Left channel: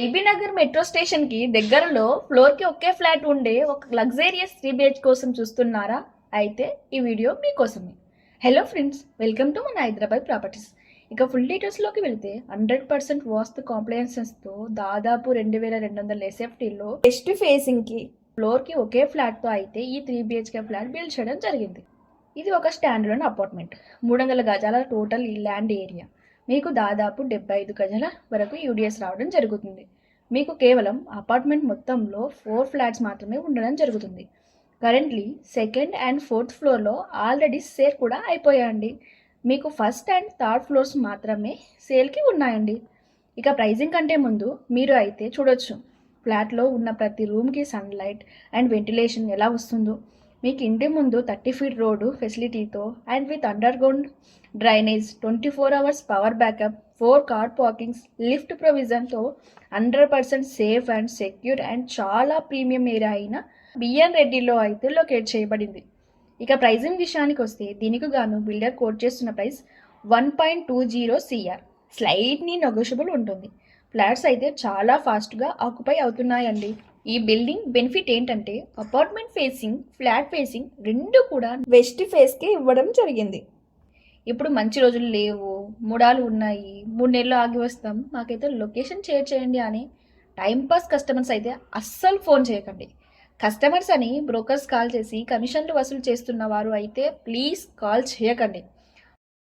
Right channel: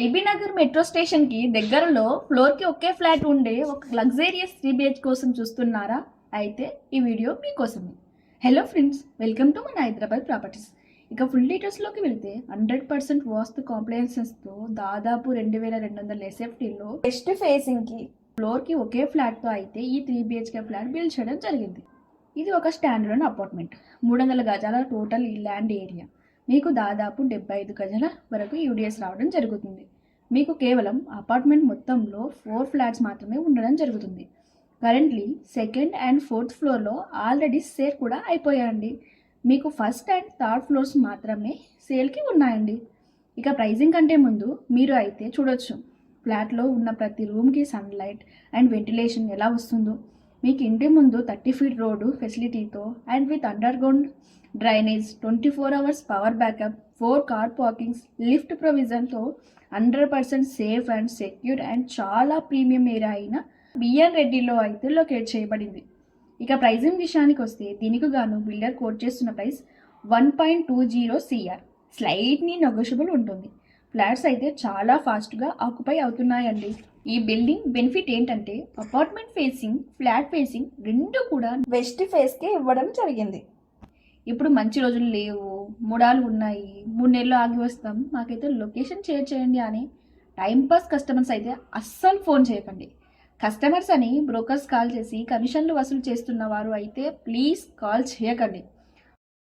LB Nagar metro station కి దగ్గరలో floor కి ఒకే ఫ్లాట్ ఉండే ఒక లగ్జరియస్ 3 BH కోసం చూస్తున్నారా? అయితే ఈ వీడియో మీకోసమే. హలో ఫ్రెండ్స్, వెల్కమ్ టు మన హైదరాబాద్ ప్రాపర్టీస్. ఇక ఫుల్ డీటెయిల్స్లోకి వెళ్తే 100% వాస్తు కాంప్లయన్సెస్తో దాదాపు 2200 ఎస్ఎఫ్టీలో వెస్ట్ ఫేసింగ్కి ఫ్లోర్కి ఒకే ఫ్లాట్తో అయితే ఈ 3 BHK ఫ్లాట్ బిల్డ్ చేయడం జరిగింది. ఇది ఒక స్టాండర్డ్ అపార్ట్మెంట్. 300 గజాల టోటల్ ఈ ల్యాండ్ ఏరియా. మీకు దాదాపు 75 గజాల వరకు యూడిఎస్ రావడం జరుగుతుంది. మీకు కేవలం అపార్ట్మెంట్ మొత్తంలో 4 ఫ్లాట్స్ మాత్రమే ఉండడం జరుగుతుంది. కరెంట్లీ సెకండ్ అండ్ ఫోర్త్ ఫ్లోర్లో ఆల్రెడీ సేల్ కూడా అయిపోయాయండి. మీకు ఫస్ట్ అండ్ థర్డ్ ఫ్లోర్స్ మాత్రమే సేల్కి ఉన్నాయండి. ఇక ప్రైజింగ్ కంటే ముందు మీరు అయితే చూడొచ్చు ఫ్లాట్లో ఉన్న ప్రతి రూమ్కి సన్లైట్ అండ్ వెంటిలేషన్ ఎలా వస్తుందో. మీకు ఇంటి ముందు 30 ఫీట్ రోడ్డు ఫెసిలిటీతో and with underground drainage, 24 hours power backup, 4 car parkings, lift ప్రొవిజన్తో 100% సేఫ్ అండ్ సెక్యూర్ అండ్ చాలా ప్రీమియం ఏరియా అయిన బిఎన్ రెడ్డిలో అయితే లొకేట్ చేయబడింది. ఇక ప్రైజింగ్ విషయానికి వస్తే దీనికి గాను బిల్డర్ కోట్ చేస్తున్న ప్రైస్ 1.20 CR. స్లైట్లీ నెగోషియబుల్ ఉంటుంది. ఫ్లాట్స్ అయితే చాలా ఫాస్ట్గా ఆక్యుపై అవుతున్నాయండి. ఈ బిల్డింగ్ బెనిఫిట్ ఏంటంటే అపార్ట్మెంట్ ఫేసింగ్, ఫ్లాట్ ఫేసింగ్ రెండు కూడా వెస్ట్ ఫేస్కి ఇవ్వడం జరిగింది. ఇప్పుడు మంచి రోజులు లేవు, మూడాలు ఉన్నాయి, 3 నెలలు ఆగి వస్తాం, మాకైతే లొకేషన్ షేర్ చేయండి అని టైంపాస్ కస్టమర్స్ అయితే అస్సలు ఫోన్ చేయకండి. కస్టమర్స్ అని బ్రోకర్స్ కాల్ చేసి కమిషన్లు వసూలు చేస్తున్న వారు అయితే ప్లీజ్ కాల్ చేయకండి.